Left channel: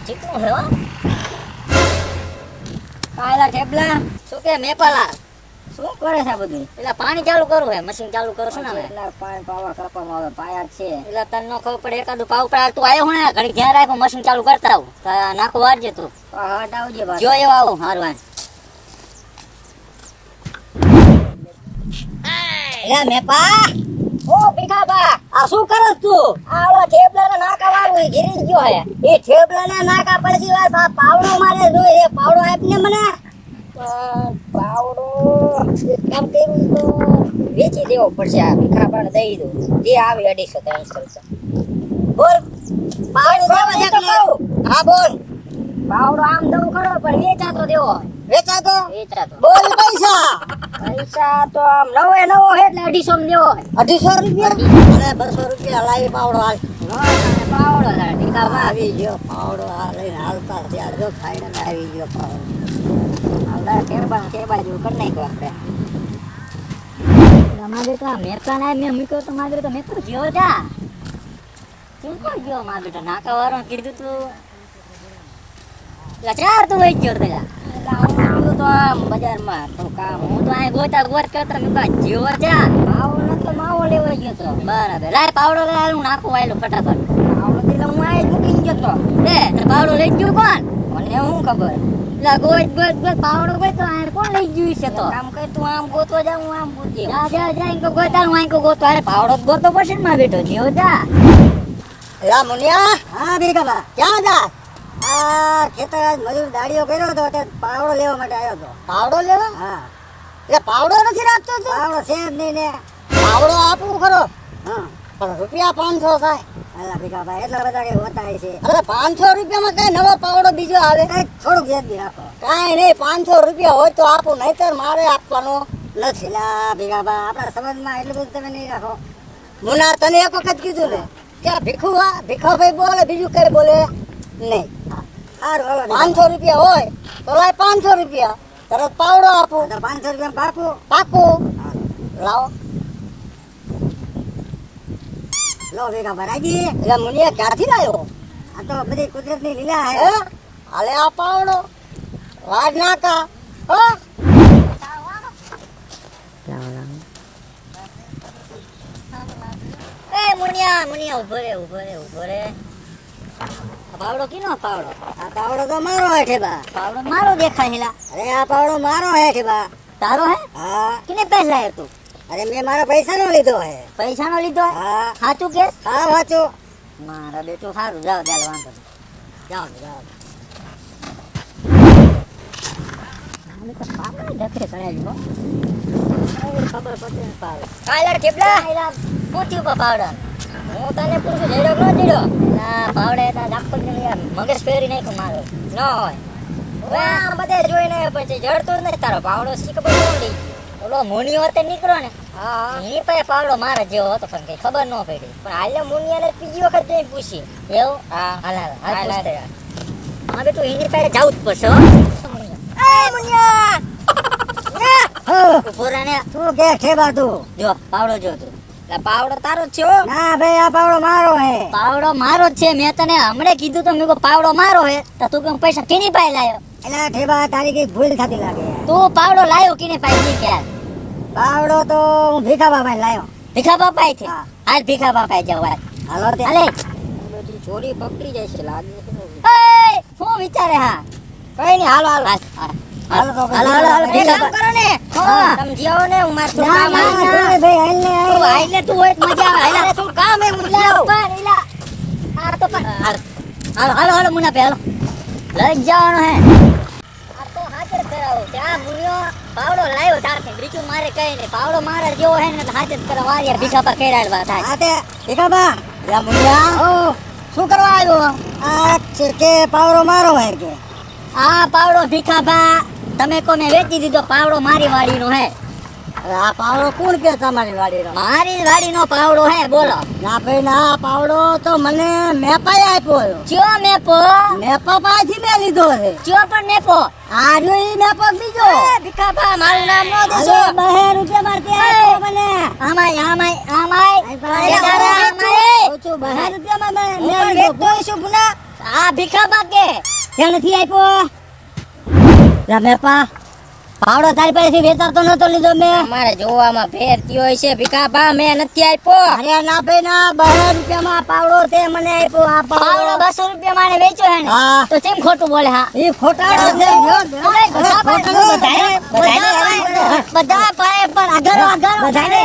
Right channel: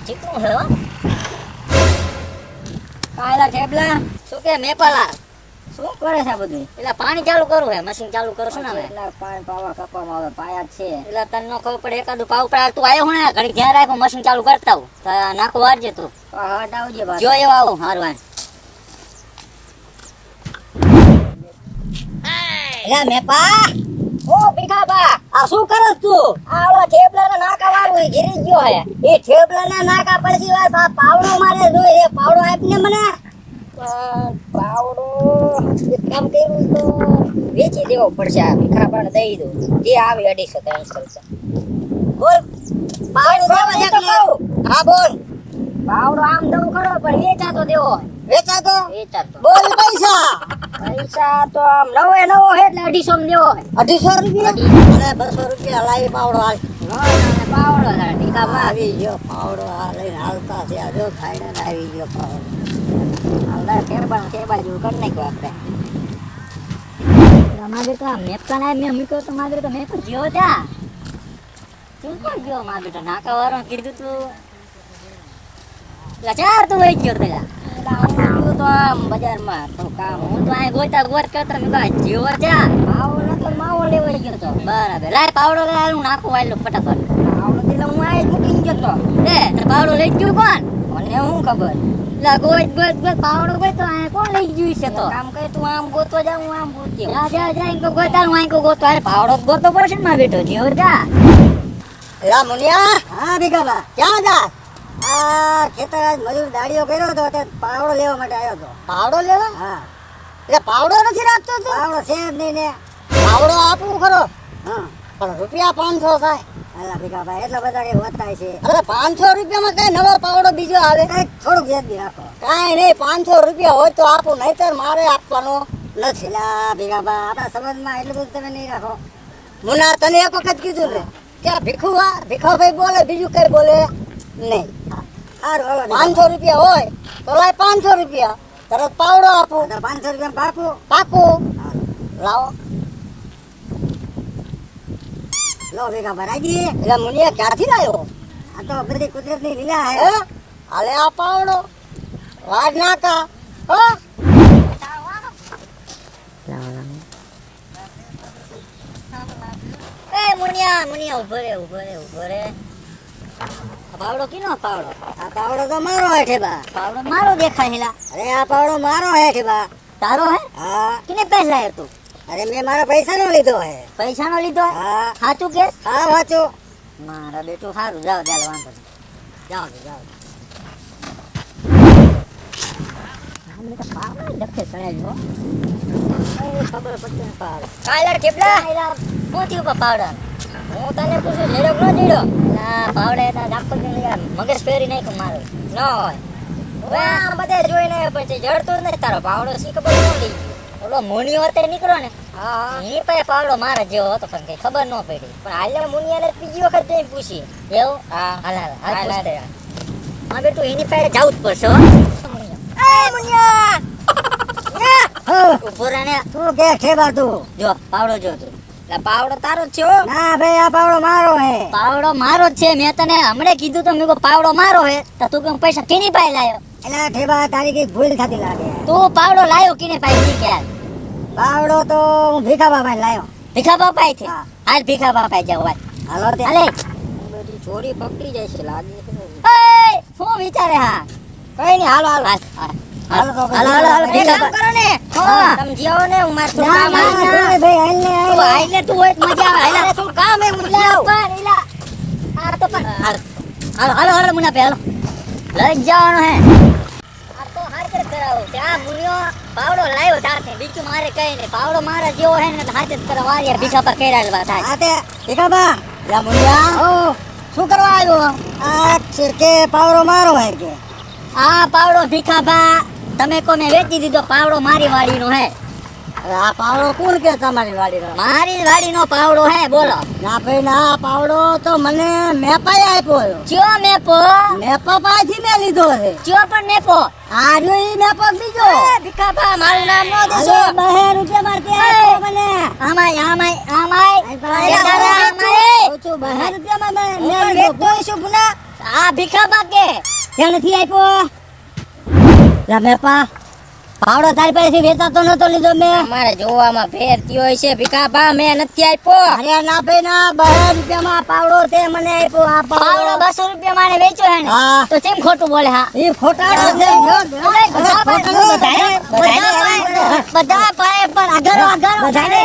ચીકુ શું કે મશીન ચાલુ કરું છું ને પડે તું? આવ્યો ને આવું નાખો આવું હારવાન એ શું કરે તું વાળો ગીરી ગયો હે? એ થેપલાના નાકા પડતી હોય પાવડો મારે જો એ પાવડો આપને મને? પાવડો કામ કર્યું વેચી દેવો પડશે આ દઈ દઉં જે લડી શકે એમ રૂપિયા બોલ. પાવડો તમારું? હા બોલ. પાવડો આમ દઉં કરો પણ વેચાતો દેવો. વેચાતો? વેચાતો. બોલ પૈસા પૈસા તો નવો એ એટલે અઢીસો માં અઢીસો રૂપિયા બસો રૂપિયા લાવી પાવડો હાલ. પાવડો પાવડો હાલ હાલતા ત્યાં જો ફાઇનલ આવી ગયો પાવડો ટેબા ટેબા જેવું કરી નાખ્યો આપણે તો મેકા ના મેં મૂક્યો તો તો મેં તો જીવો ત્યાં કોઈ ગયો મારા બેટા નાકા વાળો કીધું તું ચાર તો વહી ગયો પેલા આ હું ખબર લા ગોત ગોત પાવડો કોઈ તો આ કોણ લઈ ગયું છે તો આમ કર તું આમ ગોતો જા આમ ગોતી જા જા જા ઇકો ગોતા પડશે બેટો મુનિયા હા બીરાબા ક્યાં જા આ ખેતર આજ મજૂર દાડીઓ કર્યો હતો તે પાવડો લેવા માટે આવ્યો તો પાવડો લેવા? હા. એટલે પાવડો નથી રાખતો તો? પાવડો છે જ નહીં ને. પાવડો આપવું ખરો. હા. પણ રૂપિયા પાંચસો થાય. અહીંયા ભીખા ભાઈ એટલા બધા છે. અરે પાંચસો રૂપિયામાં કઈ નવો પાવડો બીજો આવે? કઈ થોડું ગેરદી રાખો કાંઈ નહીં પાંચસો રૂપિયા હોય તો આપું નહીં તો મારે આપવાનો નથી. ભીખા ભાઈ આપણા સમાજમાં એટલું બધું તમે નહીં રાખો. મુના તને એક વખત કીધું ને ક્યાં ભીખુ હા ભીખાભાઈ બોલે બીજું કઈ બોલે? નહીં. પાંચસો રૂપિયા હોય તો લાય પાંચસો રૂપિયા. તરત પાવડો આપો. પાંચસો રૂપિયા પાકો પાકો લાવો. લો ભેગા ભરાજી એટલે મુનિયા ક્યાંથી લાવ્યો આ તો બધી કુદરતી લીલા આવ્યો હાલે? આ પાવડો. વાડ નાકા હો? મુનિયા મુનિયા ઊભો રે ઊભો રે ઊભો રે. પાવડો કીનો પાવડો? આ પાવડો તો મારો હેઠે બા. પાવડો મારો દેખાય હેલા. અરે આ પાવડો મારો હેઠે બા. તારો હે? હા. કિને પૈસા લાવ્યો તું અરે મેં મારા પૈસા નો લીધો હે. પૈસા નો લીધો હા? સાચું કે? હા સાચું મારા બેટું સારું. જાવ જાવ વાંધો જાવ જાવ જાઓ. જતે કરાવ્યો ખબર પડશે ને પાવડો કાલા ઠેપલા પોતી ઉપર હું તને પૂછું જેડો નો જેડો ના પાવડે મગજ ફેરી નાખ્યું મારું નો હવે આ બધે જોઈને પછી જડતો જ નથી તારો પાવડો શી ખબર ન પડી ઓલો મુનિયો વાતે નીકળ્યો ને હા એ પાસે પાવડો મારે જેવો હતો પણ કઈ ખબર ન પડી પણ હાલે મુનિયાને બીજી વખત જઈને પૂછી એવું હા હાલ હાલ હવે તું એની પાસે જવું જ પડશે. એ મુનિયા. તું કે ઠેબા તું જો પાવડો જો તું પાવડો તારો છે ના ભાઈ આ પાવડો મારો હે. પાવડો મારો જ છે. મેં તને હમણે કીધું તો મેં પાવડો મારો હે. તો તું કેમ પૈસા કીની પાઈ લાયો? એટલે ઠેબા તારી કઈ ભૂલ થતી લાગે તું પાવડો લાયો કીને પાઈ ની યાર પાવડો તો હું ભીખા બાપા લાયો. ભીખા બાપા થી હાલ ભીખા બાપા જવા હાલો. તે. બધી જોડી પકડી જાય છે લાગે એ શું વિચારે હા? કઈ નહીં હાલો હાલો. હાલો હાલો. હાલો ભીખા બાપા. કરો ને. હા. સમજ્યો ને હું માર ના ના ના. ભાઈ હાલ હાલે તું એક મજા આવે. હાલે કામ એ મુલા ઇલા આ તો પર હાલો હાલો હાલો મુના પે હાલો. લઈ જવાનો હે. આ તો હાજર કરાવો ત્યાં મુર્યો પાવડો લાવ્યો તારથી બીજું મારે કઈ નહીં પાવડો મારે જેવો હે ને હાજર કરવા વાળી બીજા પર કઈ વાત આ તે બીજા બા. લા મુનિયા. ઓ શું કરવા આવ્યો? આ છે પાવડો મારો હે કે? આ પાવડો ભીખાભા. તમે કોને વેચી દીધો? પાવડો મારી વાડીનો હે. આ પાવડો કોણ કે તમારી વાડીનો મારી વાડીનો પાવડો હે બોલો. ના ભાઈ ના પાવડો તો મને મેપાએ આપ્યો કયો મેપો મેપો પાછી મે લીધો છે. કયો પણ મેપો આ જો ઈ મેપો બીજો ભીખાભા મારું નામ નો દેજો બહે રૂપિયા મારતી મને? આમાય આમાય આમાય આ બાકે ત્યાં નથી આપ્યો? રમેપા પાવડો તારી પાસેથી વેચાતો નતો લીધો મેં. અમારે જોવામાં ભેર થયો છે ભીખાભા મેં નથી આપ્યો. અરે ના ભાઈ ના બસો રૂપિયામાં પાવડો તે મને આપ્યો આ પાવડો. બસો રૂપિયા મારે વેચ્યો હે હા. તો કેમ ખોટું બોલે હા? એ ખોટા બધા પાએ પણ આગળ આગળ બધાને